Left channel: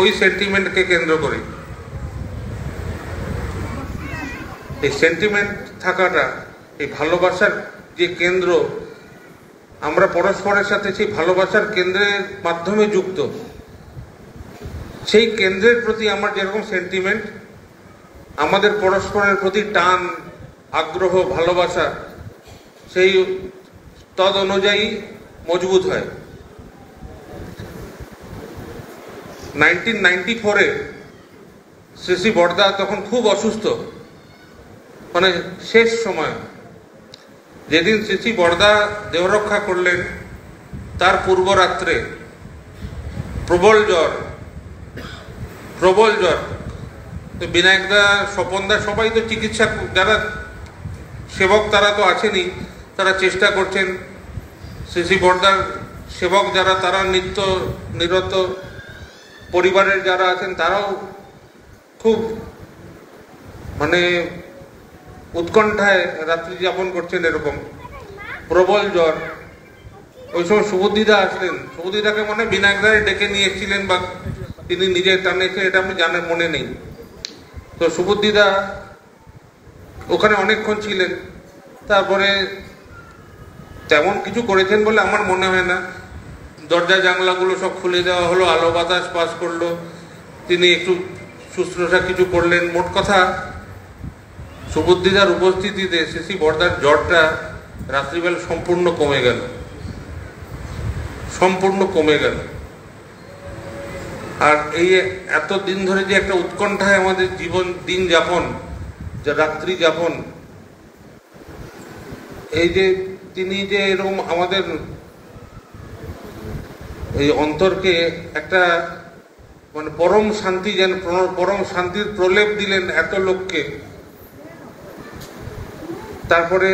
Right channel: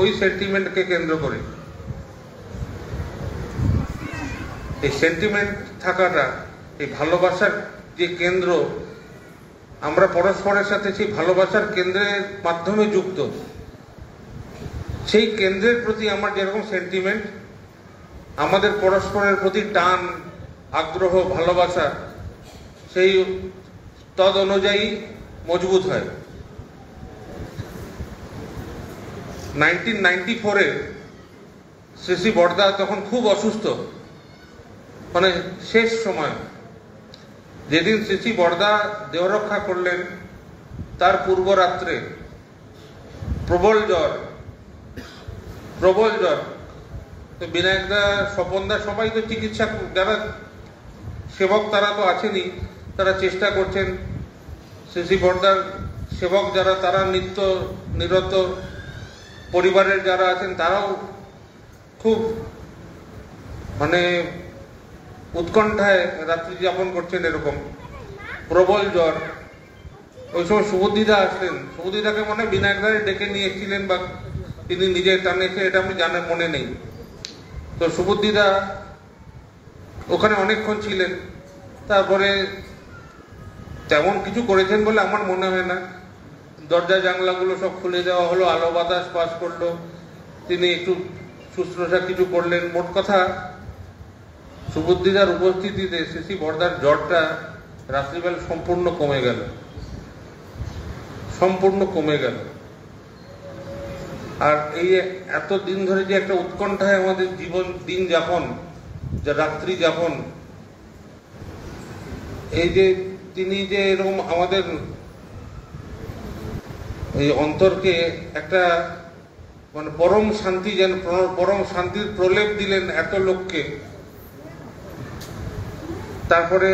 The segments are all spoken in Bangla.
ওই সেন্টিমেন্টকে কেন্দ্র করে এই সেন্টিমেন্ট থাকাটা, এই ভালোবাসার যে কেন্দ্র, আমরা পরস্পরের সাথে সেই ভালোবাসার কেন্দ্রের মাধ্যমে যুক্ত। সেই কেন্দ্রের প্রতি আমার যেরকম সেন্টিমেন্ট, আমাদের পরস্পরের প্রতি টান, আগ্রহ, ভালোবাসা সেই তদ অনুযায়ী মজবুত হয়। 1994-এ শ্রী বড়দা তখন খুব অসুস্থ, মানে শেষ সময়। যেদিন শ্রী বড়দা দেহরক্ষা করলেন তার পূর্ব রাত্রে প্রবল জ্বর। তো বিনায়কদা, স্বপনদা সবাই তো চিকিৎসা, যারা সেবক তারা তো আছেনই, তারা চেষ্টা করছেন। শ্রী বড়দার সেবক যারা, তারা নিত্য নিরত, পরিবারের যারা আছেন তারাও খুব মানে উৎকণ্ঠায় রাত্রি যাপন করছেন। এরকম প্রবল জ্বর। ওই সময় সুবুদ্ধিদা আসলেন। সুবুদ্ধিদাকে মনে বিনায়কদারে ডেকে নিয়ে এসেছিলেন, বা তিনি নিজে টানেছে, এটা আমি জানার মনে নেই। তো সুবুদ্ধিদা ওখানে অনেকক্ষণ ছিলেন। তারপরে তেমন কিছু করেছেন বলে আমার মনে হয় না। দরজা জানলাগুলো সব খুলে দেওয়া হলো, আলো বাতাস পাস করলো, তিনি একটু শুশ্রূষা কিছু করলেন। মোট কথা, সুবুদ্ধিদার উপস্থিতিতে শ্রী বড়দার জ্বরটা রাত্রিবেলা সম্পূর্ণ কমে গেল। আর এই এত দিন ধরে যে একটা উৎকণ্ঠায় আমাদের জীবন দিন যাপন, যা রাত্রি যাপন, এই যে তিনি যে এরকম আমাদের এই অন্তরকে একটা মানে পরম শান্তি, যেন পরম শান্তির প্রলেপ দিলেন এত লোককে। তারপরে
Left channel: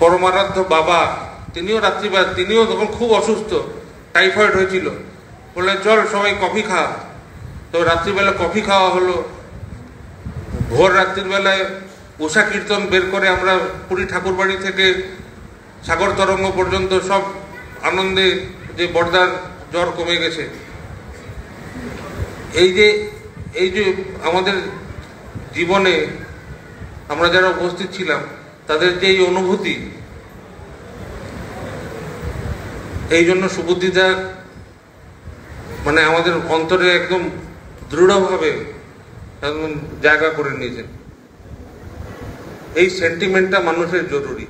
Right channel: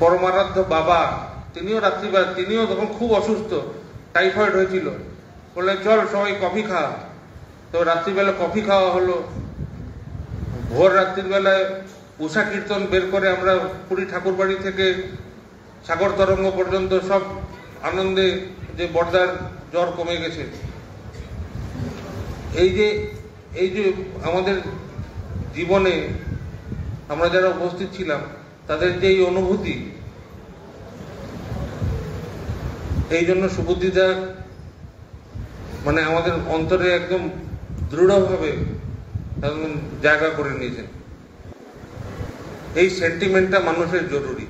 পরমারাধ্য বাবা, তিনিও রাত্রিবেলা, তিনিও তখন খুব অসুস্থ, টাইফয়েড হয়েছিল। বললেন চল সবাই কফি খা। তো রাত্রিবেলা কফি খাওয়া হলো। ভোর রাত্রিবেলায় উষা কীর্তন বের করে আমরা পুরী ঠাকুরবাড়ি থেকে সাগর তরঙ্গ পর্যন্ত সব আনন্দে, যে বড়দার জ্বর কমে গেছে। এই যে আমাদের জীবনে আমরা যারা উপস্থিত ছিলাম, তাদের যে এই অনুভূতি, এই জন্য সুবুদ্ধিদার মানে আমাদের অন্তরে একদম দৃঢ়ভাবে একদম জায়গা করে নিয়েছেন। এই সেন্টিমেন্টটা মানুষের জরুরি।